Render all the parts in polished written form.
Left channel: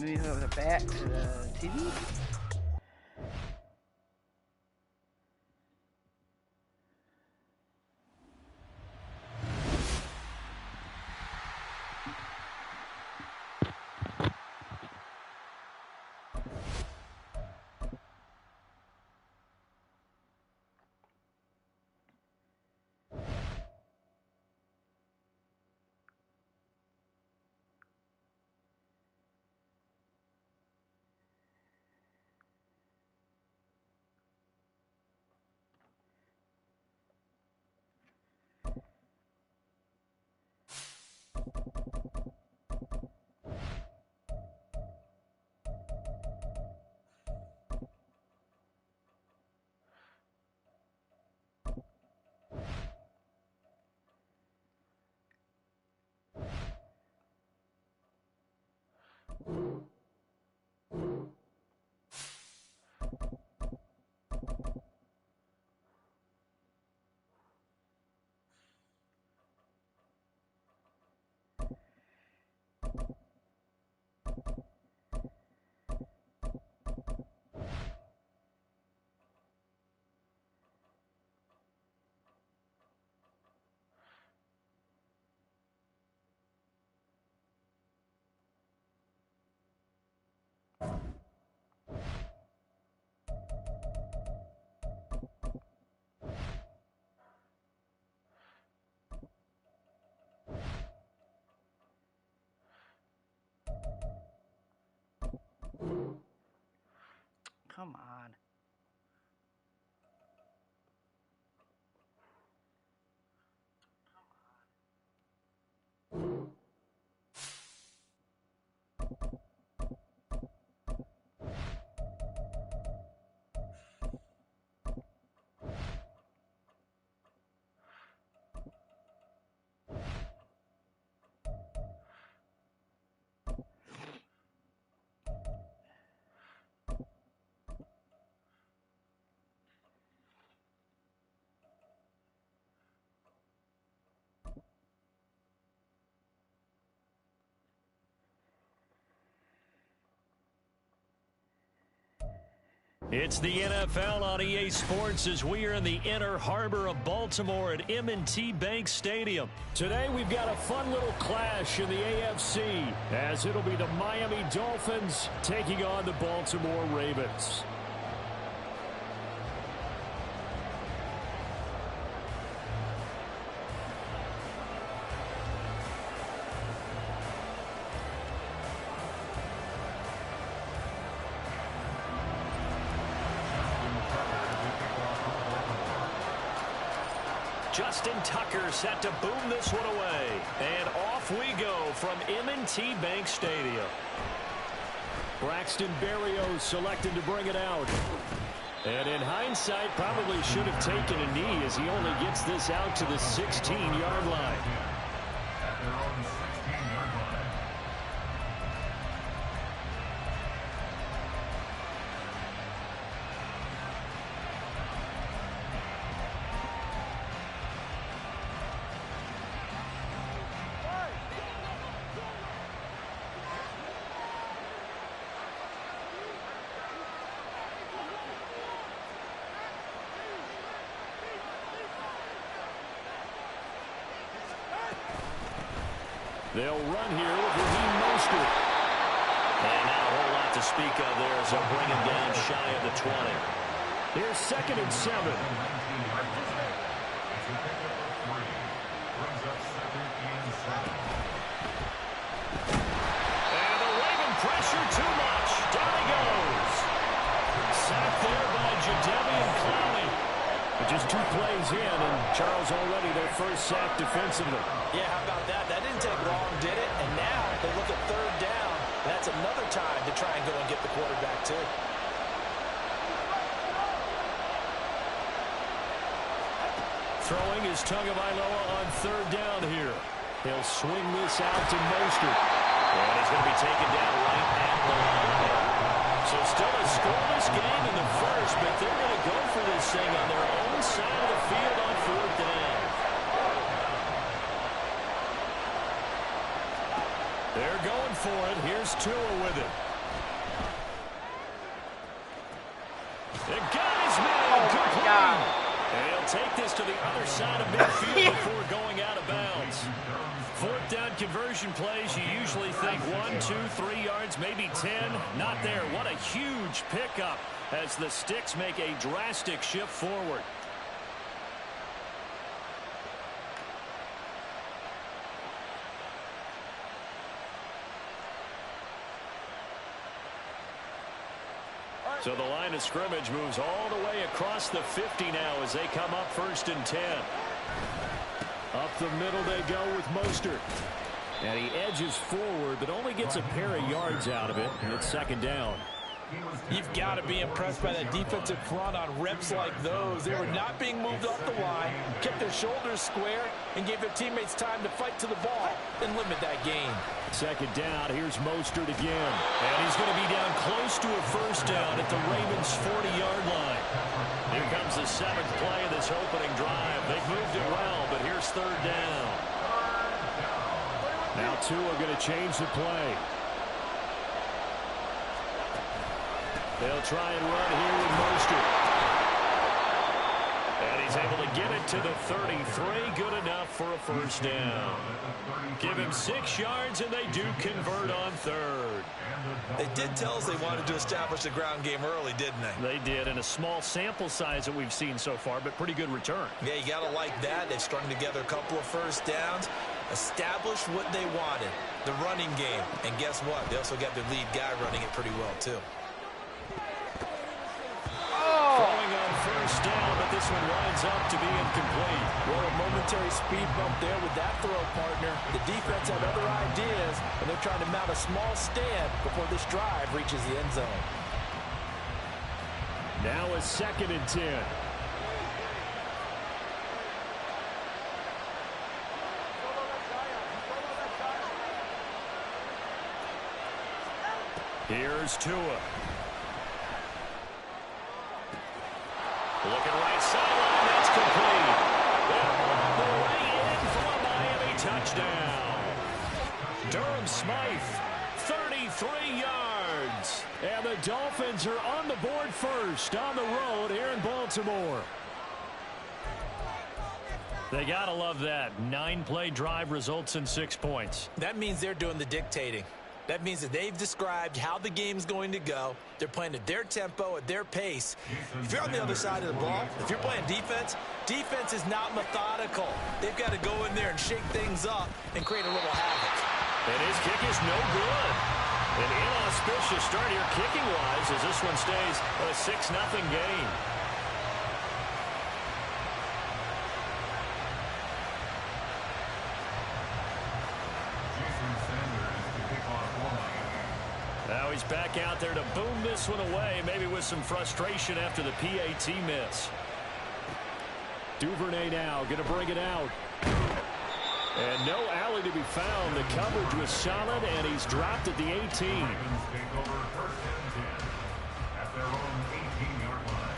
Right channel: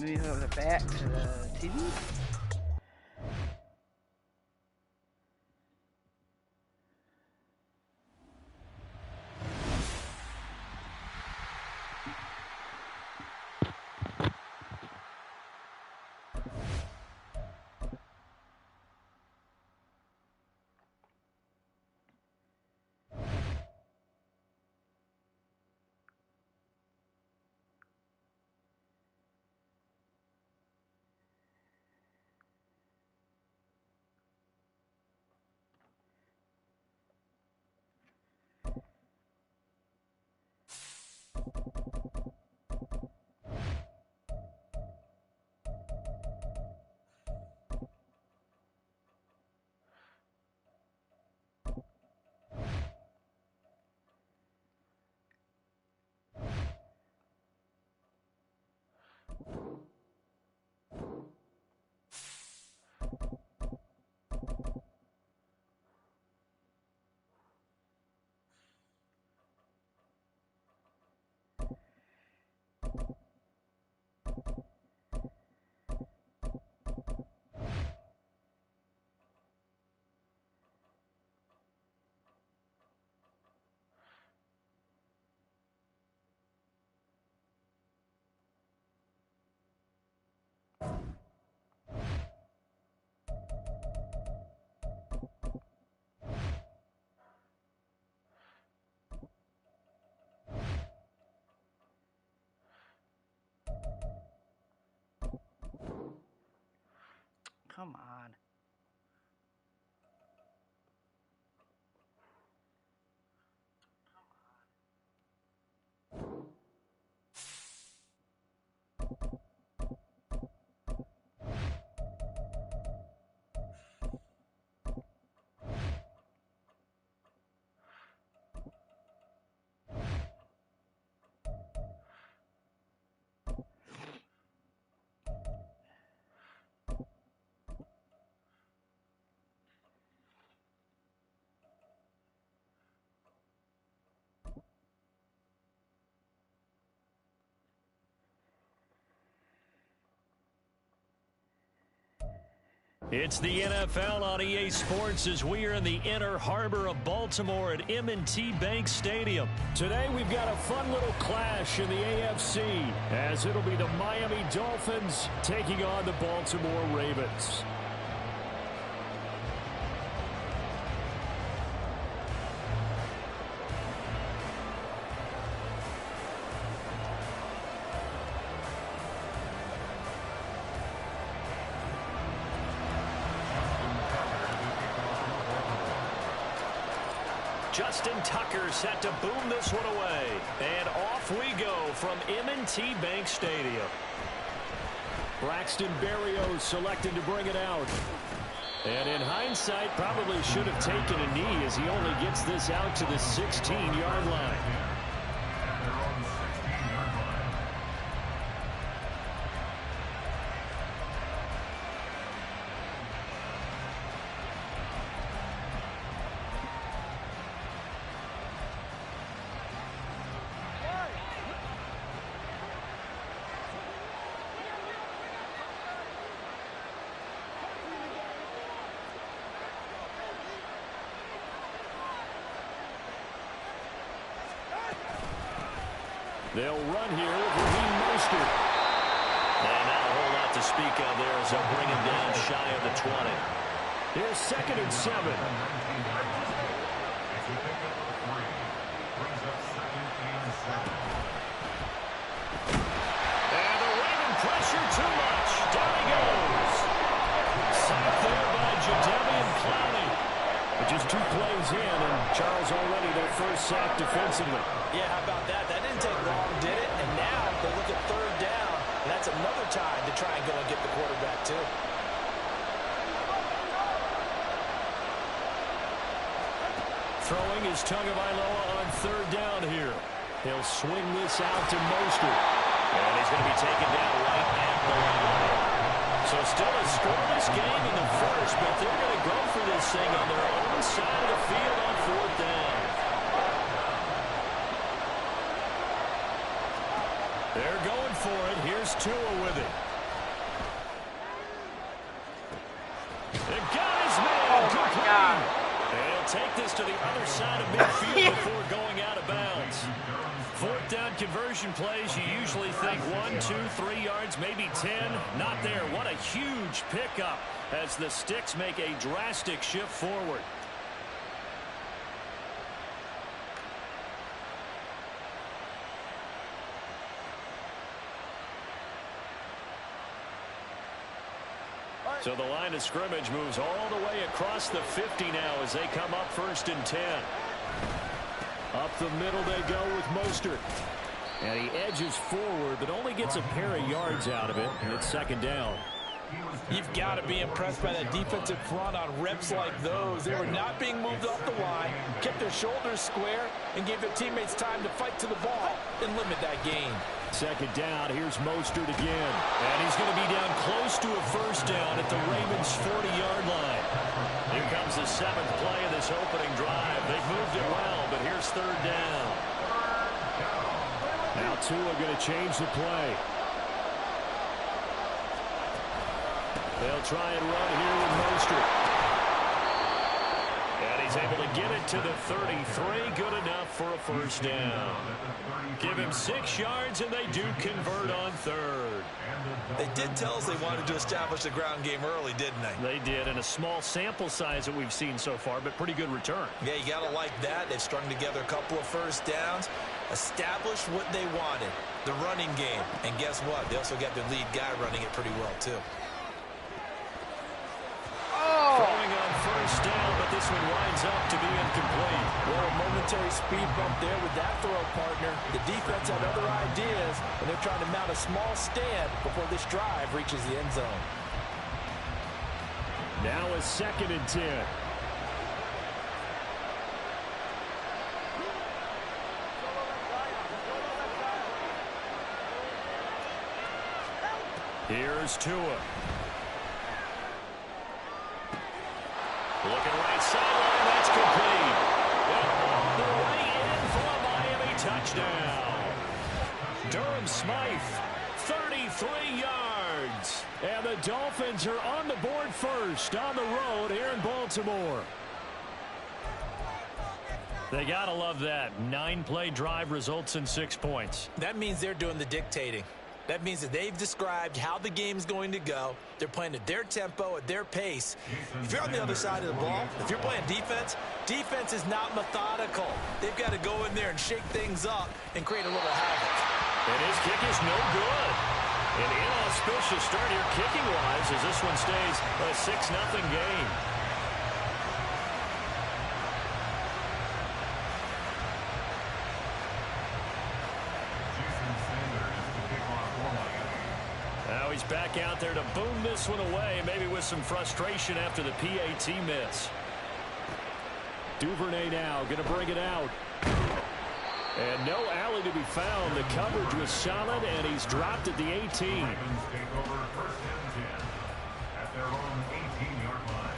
Moving over back to the TV. Come on. It's the NFL on EA Sports as we are in the inner harbor of Baltimore at M&T Bank Stadium. Today we've got a fun little clash in the AFC as it'll be the Miami Dolphins taking on the Baltimore Ravens. Justin Tucker set to boom this one away. And off we go from M&T Bank Stadium. Braxton Berrios selected to bring it out. And in hindsight, probably should have taken a knee as he only gets this out to the 16-yard line. They'll run here with Raheem Mostert. And not a whole lot to speak of there as they'll bring him down shy of the 20. Here's 2nd and 7. And the Raven pressure too much. Down he goes. Sacked there by Jadeveon Clowney. But just 2 plays in, and Charles already their first sack defensively. Yeah, how about that? That didn't take long, did it? And now they look at 3rd down, and that's another time to try and go and get the quarterback, too. Throwing is Tagovailoa on 3rd down here. He'll swing this out to Mostert. And he's going to be taken down right at the line. So still a scoreless game in the first, but they're going to go for this thing on their own side of the field on 4th down. They're going for it. Here's Tua with it. They'll take this to the other side of midfield before going out of bounds. Fourth down conversion plays, you usually think 1, 2, 3 yards, maybe 10. Not there. What a huge pickup as the Sticks make a drastic shift forward. So the line of scrimmage moves all the way across the 50 now as they come up 1st and 10. Up the middle they go with Mostert. And he edges forward, but only gets a pair of yards out of it, and it's 2nd down. You've got to be impressed by that defensive front on reps like those. They were not being moved off the line, kept their shoulders square, and gave their teammates time to fight to the ball and limit that gain. 2nd down, here's Mostert again. And he's going to be down close to a 1st down at the Ravens' 40-yard line. Here comes the 7th play of this opening drive. They've moved it well, but here's 3rd down. Now Tua going to change the play. They'll try and run here with Mostert. And he's able to get it to the 33. Good enough for a 1st down. Give him 6 yards, and they do convert on 3rd. They did tell us they wanted to establish the ground game early, didn't they? They did, in a small sample size that we've seen so far, but pretty good return. Yeah, you got to like that. They've strung together a couple of 1st downs, established what they wanted, the running game. And guess what? They also got their lead guy running it pretty well, too. Throwing on 1st down, but this one winds up to be incomplete. Well, a momentary speed bump there with that throw, partner. The defense had other ideas, and they're trying to mount a small stand before this drive reaches the end zone. Now a 2nd and 10. Here's Tua. Looking right sideline, that's complete. And all the way in for a Miami touchdown. Durham Smythe, 33 yards. And the Dolphins are on the board first on the road here in Baltimore. They got to love that. 9-play drive results in 6 points. That means they're doing the dictating. That means that they've described how the game's going to go. They're playing at their tempo, at their pace. If you're on the other side of the ball, if you're playing defense, defense is not methodical. They've got to go in there and shake things up and create a little havoc. And his kick is no good. An inauspicious start here kicking-wise as this one stays a 6-0 game. Now he's back out there to boom this one away, maybe with some frustration after the PAT miss. Duvernay now going to bring it out. And no alley to be found. The coverage was solid, and he's dropped at the 18. Take over 1st and 10 at their own 18-yard line.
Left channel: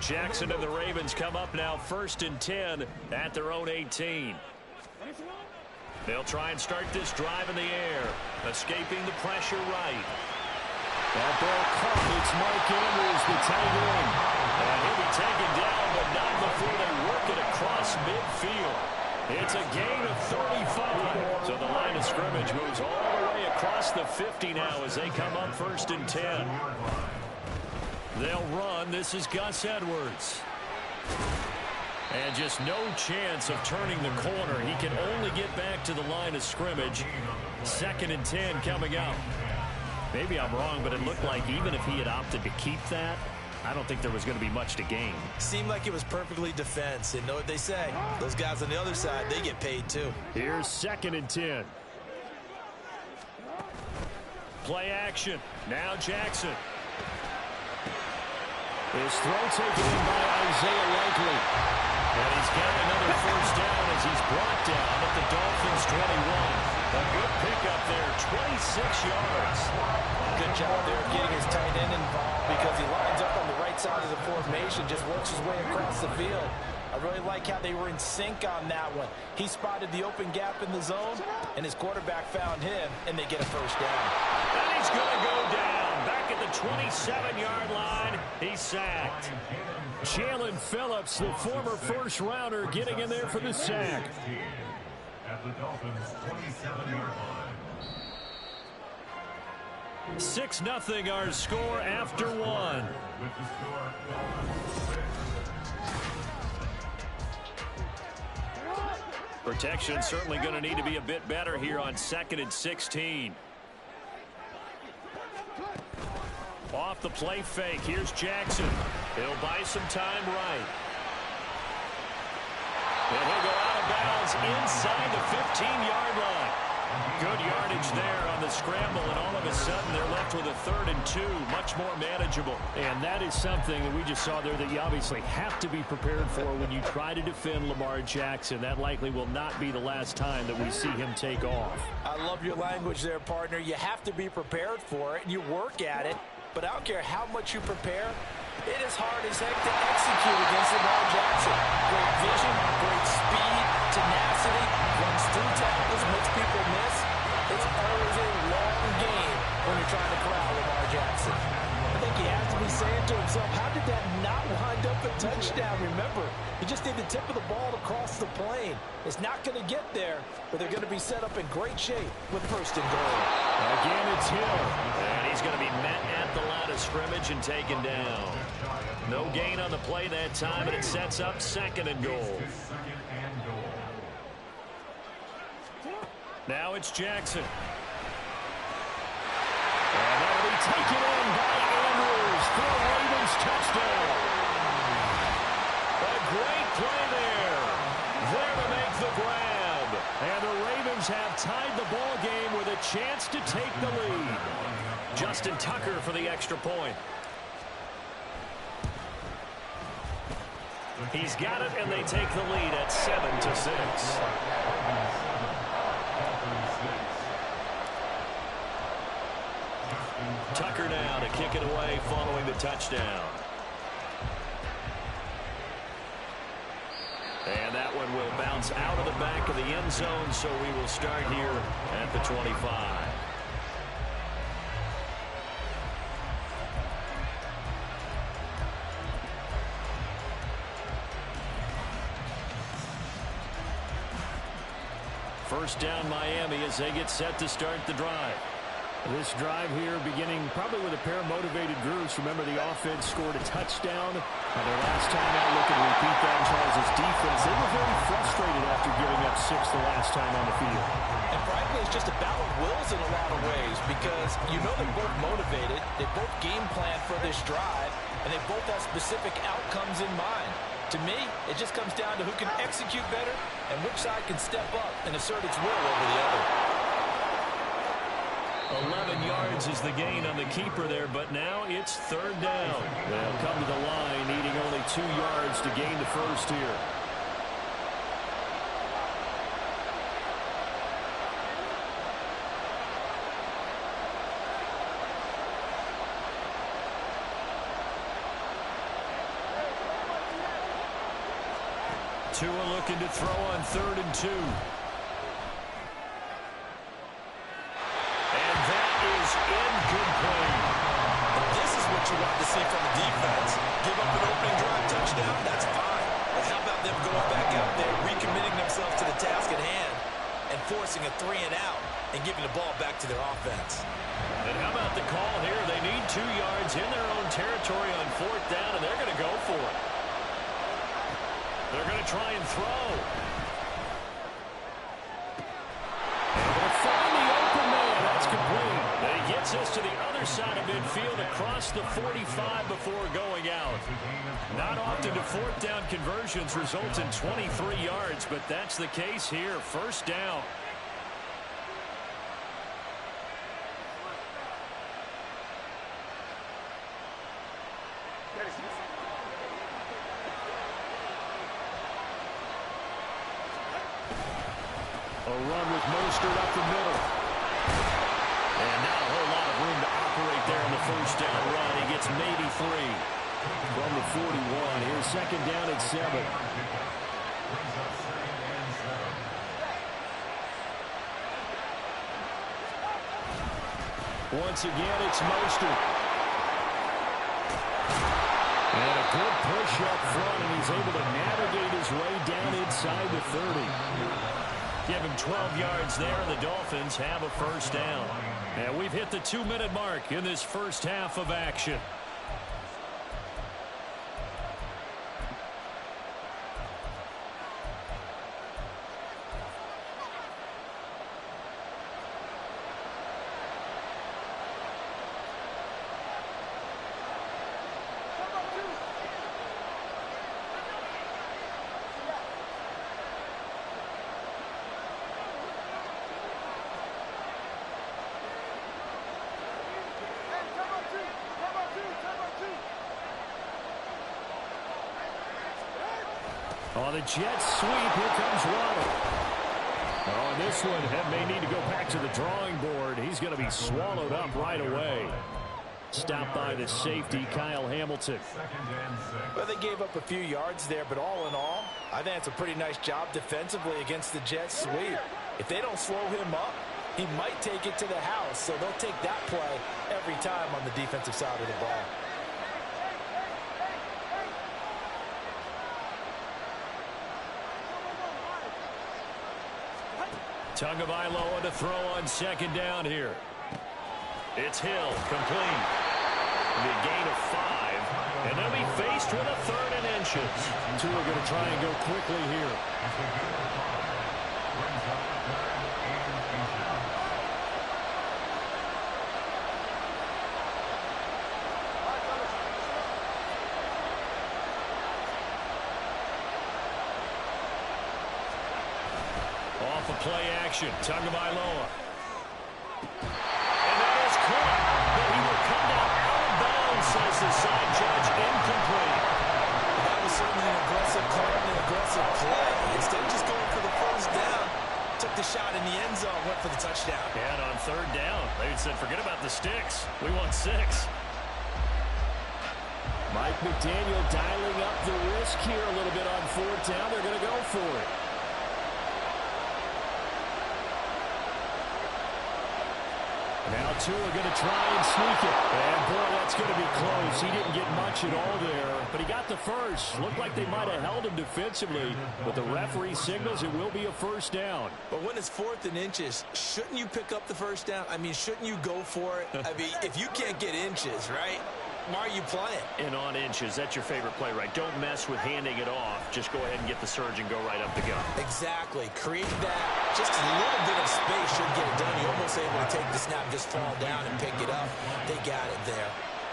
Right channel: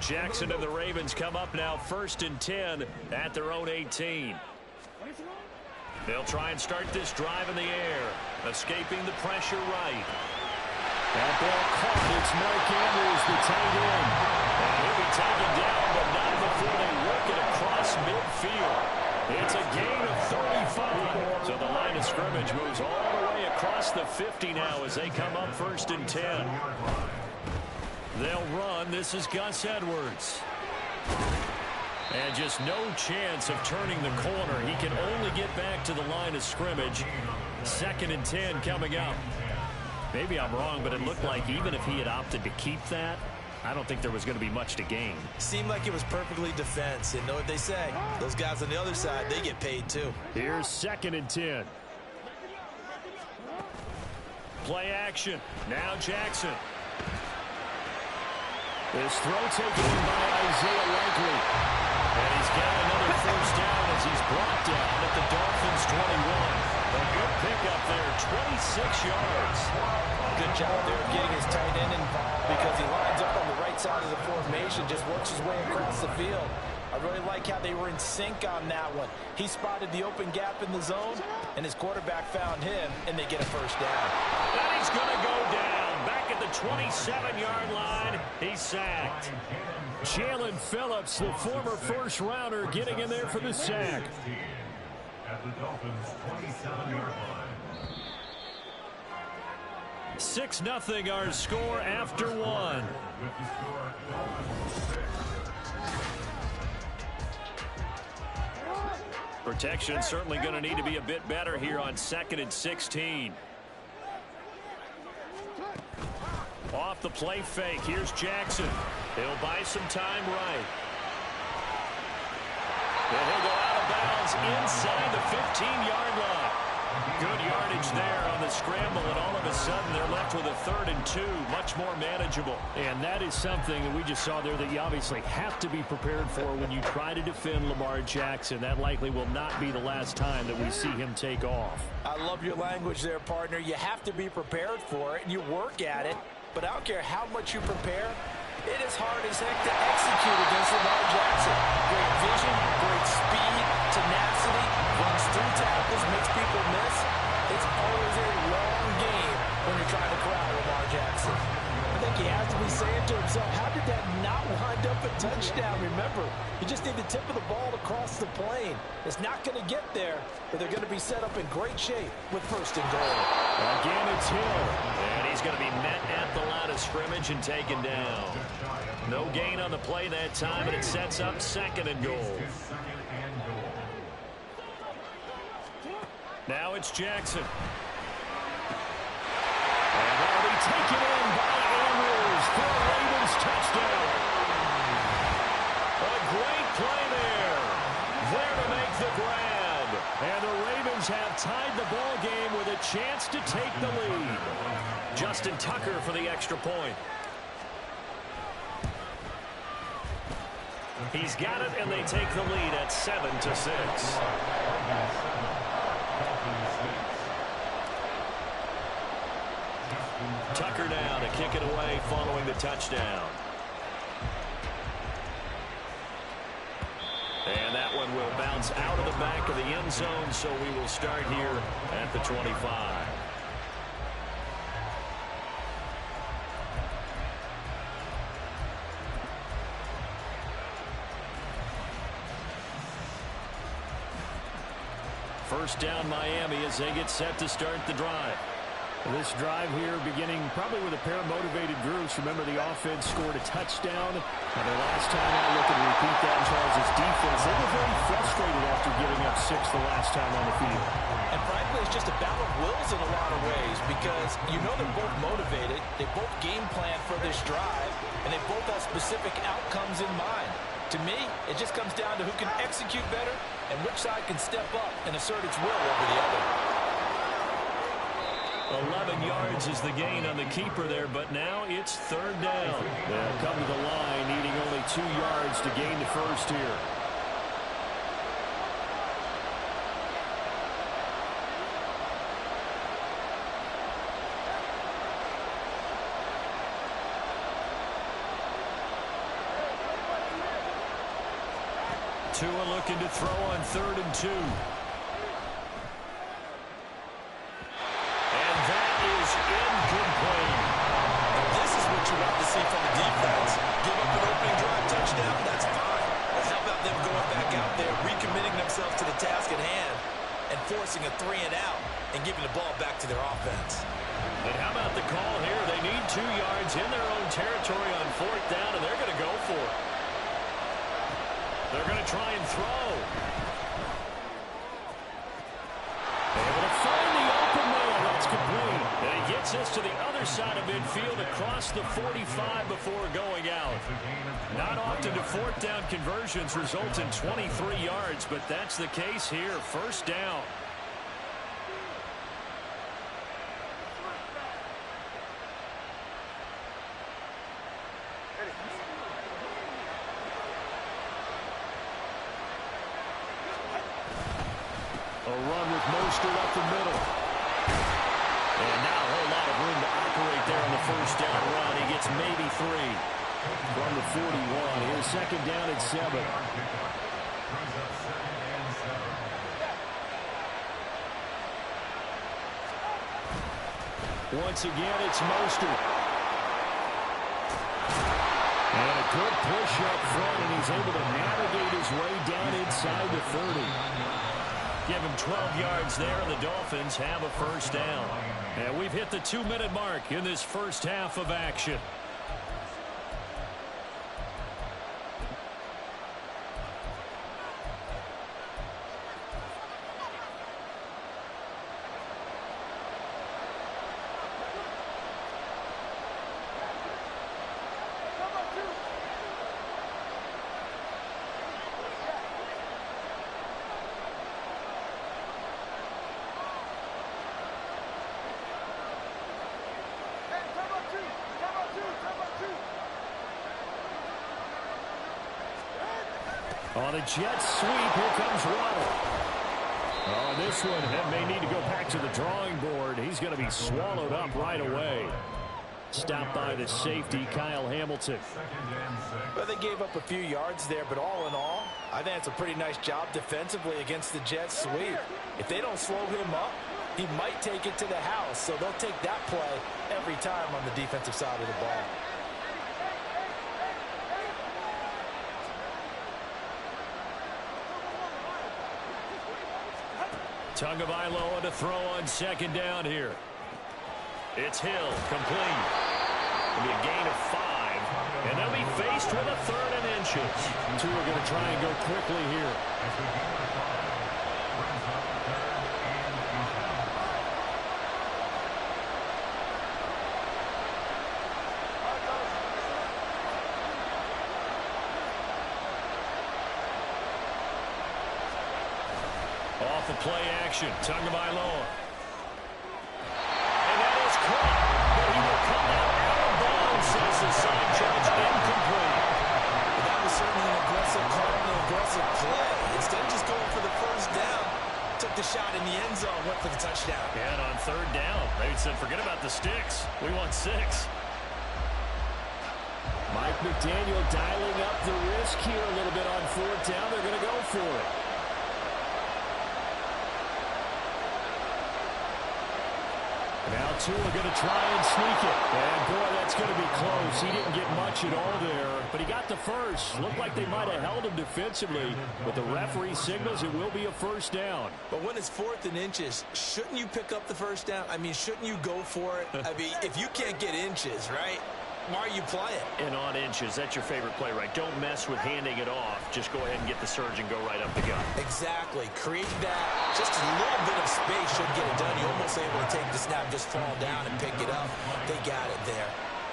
Jackson and the Ravens come up now 1st and 10 at their own 18. They'll try and start this drive in the air, escaping the pressure right. That ball caught. It's Mike Andrews, the tight end. And he'll be taken down, but not before they work it across midfield. It's a gain of 35. So the line of scrimmage moves all the way across the 50 now as they come up 1st and 10. They'll run. This is Gus Edwards. And just no chance of turning the corner. He can only get back to the line of scrimmage. 2nd and 10 coming up. Maybe I'm wrong, but it looked like even if he had opted to keep that, I don't think there was going to be much to gain. Seemed like it was perfectly defense. And know what they say? Those guys on the other side, they get paid too. Here's 2nd and 10. Play action. Now Jackson. This throw taken in by Isaiah Likely. And he's got another 1st down as he's brought down at the Dolphins' 21. A good pickup there, 26 yards. Good job there getting his tight end involved because he lines up on the right side of the formation, just works his way across the field. I really like how they were in sync on that one. He spotted the open gap in the zone, and his quarterback found him, and they get a first down. And he's going to go down. Back at the 27-yard line, he's sacked. Jalen Phillips, the former first-rounder, getting in there for the sack. At the Dolphins' 27-yard line. 6-0 our score after one. With the score, Dolphins 6. Protection certainly going to need to be a bit better here on 2nd and 16. Off the play fake. Here's Jackson. He'll buy some time right. And he'll go out of bounds inside the 15-yard line. Good yardage there on the scramble, and all of a sudden they're left with a 3rd and 2, much more manageable. And that is something that we just saw there that you obviously have to be prepared for when you try to defend Lamar Jackson. That likely will not be the last time that we see him take off. I love your language there, partner. You have to be prepared for it, and you work at it. But I don't care how much you prepare, it is hard as heck to execute against Lamar Jackson. Great vision, great speed, tenacity, runs through tackles, makes people miss. It's always a long game when you're trying to corral Lamar Jackson. I think he has to be saying to himself, how did that not wind up a touchdown? Remember, you just need the tip of the ball to cross the plane. It's not going to get there, but they're going to be set up in great shape with 1st and goal. Again, it's Hill. And he's going to be met at the line of scrimmage and taken down. No gain on the play that time, and it sets up 2nd and goal. Now it's Jackson. And that'll be taken in by Andrews for a Ravens touchdown. A great play there. There to make the grab. And the Ravens have tied the ball game with a chance to take the lead. Justin Tucker for the extra point. He's got it, and they take the lead at 7-6. Tucker now to kick it away following the touchdown. And that one will bounce out of the back of the end zone, so we will start here at the 25. First down Miami as they get set to start the drive. This drive here beginning probably with a pair of motivated groups. Remember, the offense scored a touchdown on their last time out. Looking to repeat that in Charles' defense. They were very frustrated after giving up 6 the last time on the field. And frankly, it's just a battle of wills in a lot of ways because you know they're both motivated. They both game plan for this drive, and they both have specific outcomes in mind. To me, it just comes down to who can execute better and which side can step up and assert its will over the other. 11 yards is the gain on the keeper there, but now it's 3rd down. They'll come to the line needing only 2 yards to gain the first here. Tua looking to throw on 3rd and 2. Incomplete. This is what you want to see from the defense. Give up an opening drive touchdown, that's fine. But how about them going back out there, recommitting themselves to the task at hand, and forcing a 3 and out, and giving the ball back to their offense? And how about the call here? They need 2 yards in their own territory on 4th down, and they're going to go for it. They're going to try and throw. Able to find the open man. That's complete. And he gets us to the other side of midfield across the 45 before going out. Not often do 4th down conversions result in 23 yards, but that's the case here. 1st down. A run with Mostert up the middle. And not a whole lot of room to operate there on the 1st down run. He gets maybe 3. from the 41. Here's second down at 7. Brings up 2nd and 7. Once again, it's Mostert. And a good push up front, and he's able to navigate his way down inside the 30. Give him 12 yards there, and the Dolphins have a first down. And we've hit the 2-minute mark in this first half of action. On the Jets sweep, here comes Waddle. Oh, and this one may need to go back to the drawing board. He's going to be swallowed up right away. Stopped by the safety, Kyle Hamilton. 2nd and 6. Well, they gave up a few yards there, but all in all, I think it's a pretty nice job defensively against the Jets sweep. If they don't slow him up, he might take it to the house, so they'll take that play every time on the defensive side of the ball. Tagovailoa to throw on second down here. It's Hill, complete. It'll be a gain of 5, and they'll be faced with a 3rd and inches. Two are going to try and go quickly here. It's a gain of 5. Brings up 3rd and inches. Off of play action, Tagovailoa. And that is caught, but he will come down out of bounds, says the side judge, incomplete. That was certainly an aggressive call and an aggressive play. Instead of just going for the first down, took the shot in the end zone, went for the touchdown. And on 3rd down, they said, forget about the sticks. We want 6. Mike McDaniel dialing up the risk here a little bit on 4th down. They're going to go for it. Now Tua going to try and sneak it. And, boy, that's going to be close. He didn't get much at all there, but he got the first. Looked like they might have held him defensively, but the referee signals it will be a first down. But when it's 4th and inches, shouldn't you pick up the first down? I mean, shouldn't you go for it? I mean, if you can't get inches, right, why are you playing? And on inches, that's your favorite play, right? Don't mess with handing it off. Just go ahead and get the surge and go right up the gut. Exactly. Create that. Just a little bit of space should get it done. You're almost able to take the snap, just fall down and pick it up. They got it there.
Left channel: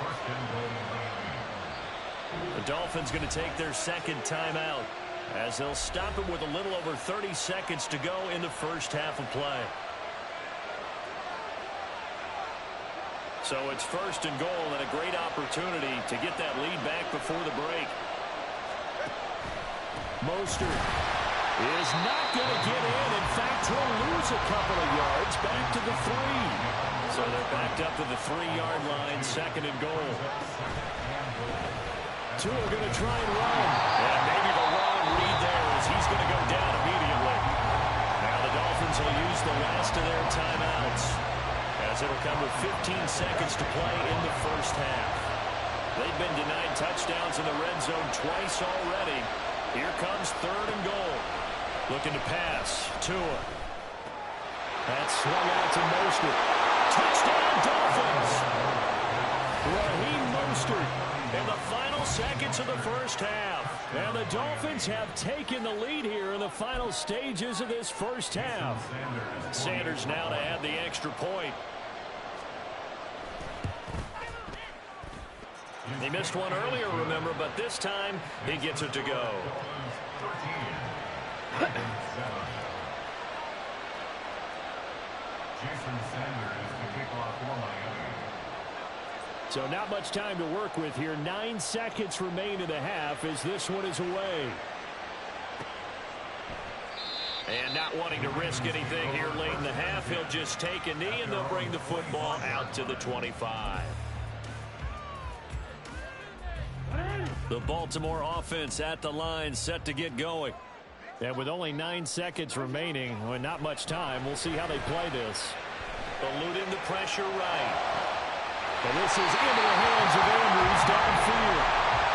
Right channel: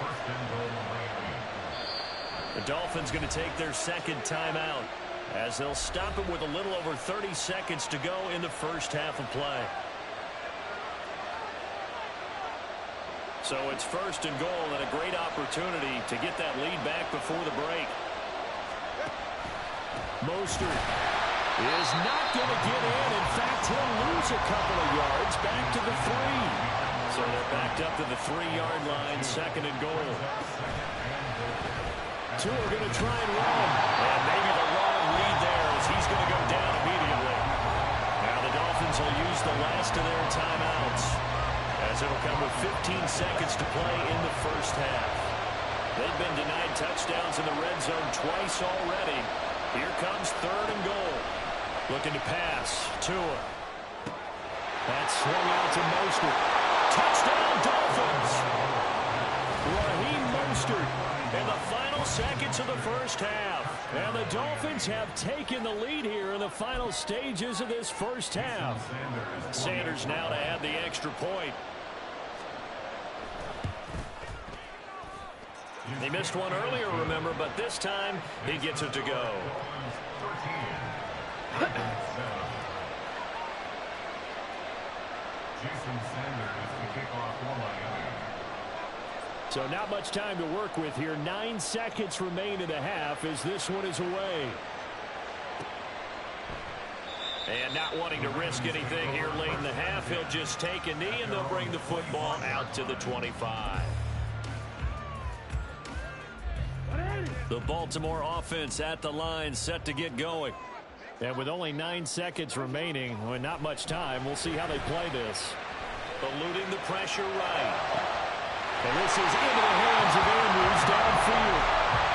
1st and goal, Miami. The Dolphins going to take their 2nd timeout as they'll stop it with a little over 30 seconds to go in the first half of play. So it's 1st and goal and a great opportunity to get that lead back before the break. Mostert is not going to get in. In fact, he'll lose a couple of yards back to the 3. So they're backed up to the 3-yard line, 2nd and goal. Tua going to try and run. And maybe the wrong read there as he's going to go down immediately. Now the Dolphins will use the last of their timeouts, as it'll come with 15 seconds to play in the first half. They've been denied touchdowns in the red zone twice already. Here comes 3rd and goal. Looking to pass. Tua. That swung out to Mostert. Touchdown, Dolphins! Raheem Mostert In the final seconds of the first half. And the Dolphins have taken the lead here in the final stages of this first half. Sanders now to add the extra point. He missed one earlier, remember, but this time he gets it to go. Jason Sanders to kick off for Miami. So not much time to work with here. 9 seconds remain in the half as this one is away. And not wanting to risk anything here late in the half, he'll just take a knee and they'll bring the football out to the 25. The Baltimore offense at the line, set to get going. And with only 9 seconds remaining, well, not much time, we'll see how they play this. Eluding the pressure right. And this is into the hands of Andrews downfield.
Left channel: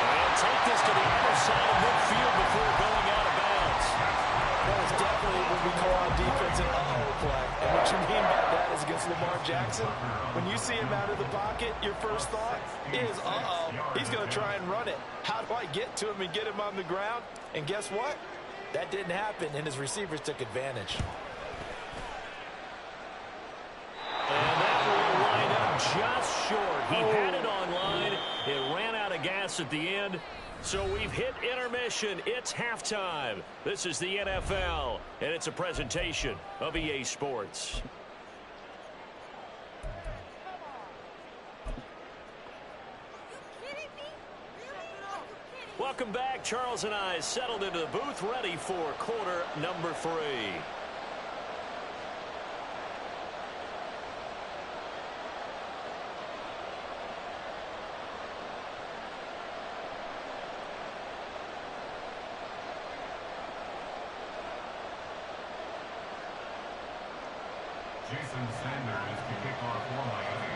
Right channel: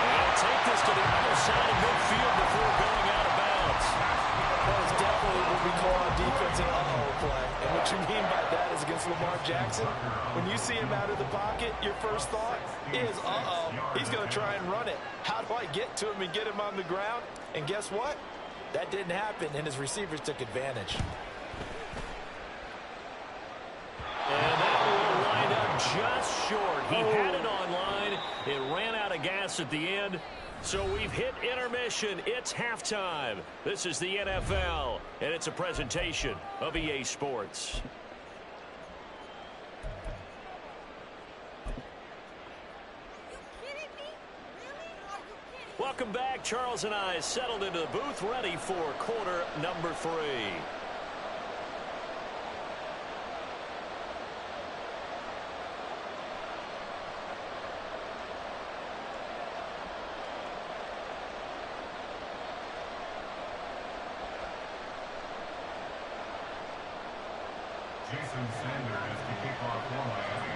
And he'll take this to the other side of midfield before going out of bounds. That is definitely what we call on defense an uh-oh play. And what you mean by that is against Lamar Jackson, when you see him out of the pocket, your first thought is, uh-oh, he's going to try and run it. How do I get to him and get him on the ground? And guess what? That didn't happen, and his receivers took advantage. And that will wind up just short. He had it online. It ran out of gas at the end. So we've hit intermission. It's halftime. This is the NFL, and it's a presentation of EA Sports. Welcome back. Charles and I settled into the booth, ready for quarter number 3. Jason Sanders to kick off for Miami.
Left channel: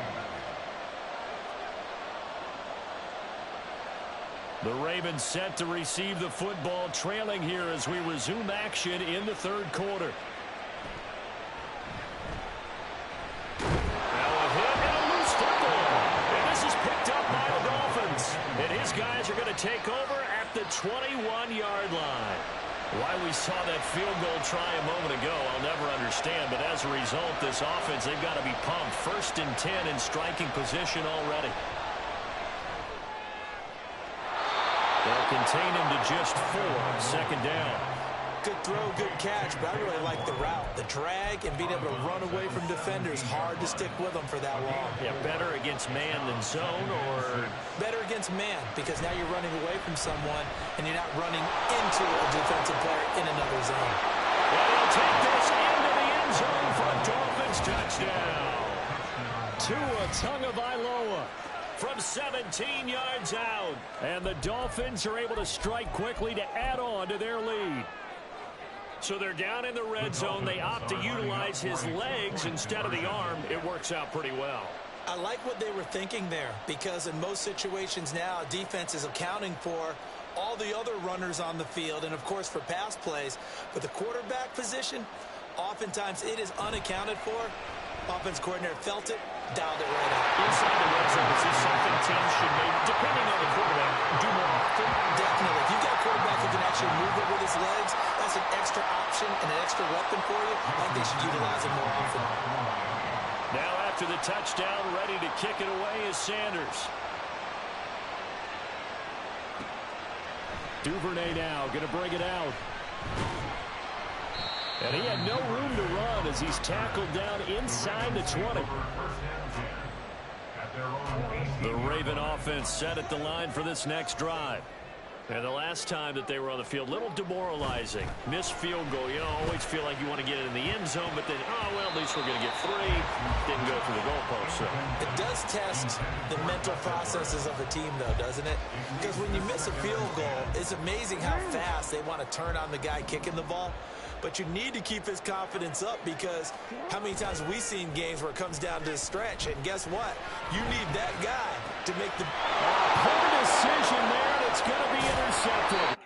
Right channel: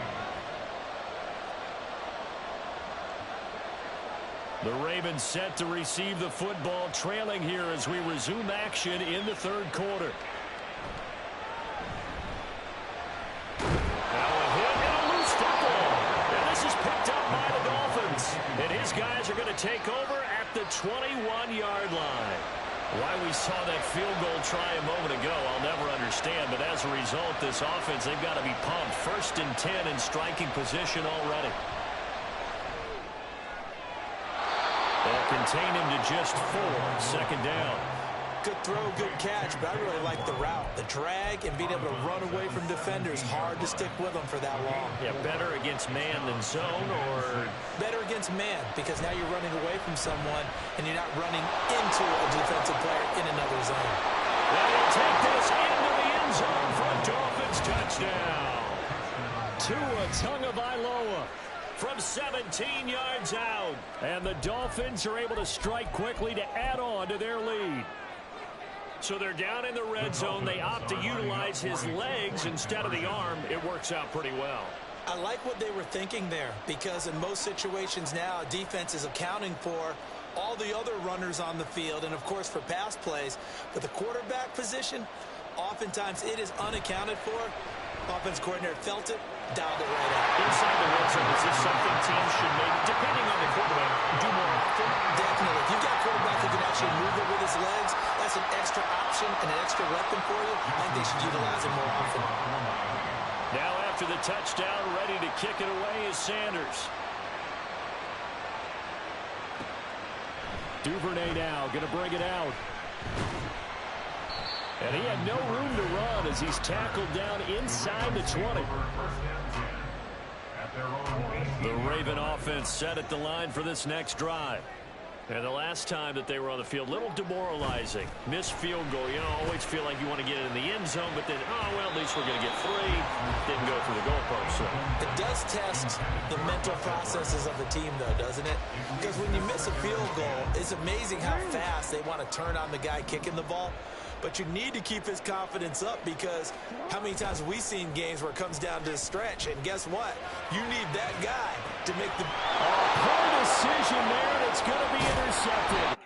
The Ravens set to receive the football, trailing here as we resume action in the third quarter. Now a hit and a loose football. And this is picked up by the Dolphins. And his guys are going to take over at the 21-yard line. Why we saw that field goal try a moment ago, I'll never understand. But as a result, this offense, they've got to be pumped. 1st and 10 in striking position already. They'll contain him to just 4. 2nd down. Good throw, good catch, but I really like the route. The drag and being able to run away from defenders. Hard to stick with them for that long. Yeah, better against man than zone, or? Better against man, because now you're running away from someone and you're not running into a defensive player in another zone. And he'll take this into the end zone for a Dolphins touchdown. Tua Tagovailoa from 17 yards out. And the Dolphins are able to strike quickly to add on to their lead. So they're down in the red zone. They opt to utilize his legs instead of the arm. It works out pretty well. I like what they were thinking there, because in most situations now, defense is accounting for all the other runners on the field and, of course, for pass plays. But the quarterback position, oftentimes it is unaccounted for. Offense coordinator felt it, dialed it right out. Inside the red zone, is this something teams should maybe, depending on the quarterback, do more often? Definitely. If you've got a quarterback who can actually move it with his legs, that's an extra option and an extra weapon for you. I think they should utilize it more often. Now after the touchdown, ready to kick it away is Sanders. Duvernay now going to bring it out. And he had no room to run as he's tackled down inside the 20. The Raven offense set at the line for this next drive. And the last time that they were on the field, a little demoralizing. Missed field goal. You know, always feel like you want to get it in the end zone, but then, oh, well, at least we're going to get 3. Didn't go through the goalpost. So it does test the mental processes of a team, though, doesn't it? Because when you miss a field goal, it's amazing how fast they want to turn on the guy kicking the ball. But you need to keep his confidence up, because how many times have we seen games where it comes down to the stretch? And guess what? You need that guy to make the... Poor decision there, and it's going to be intercepted.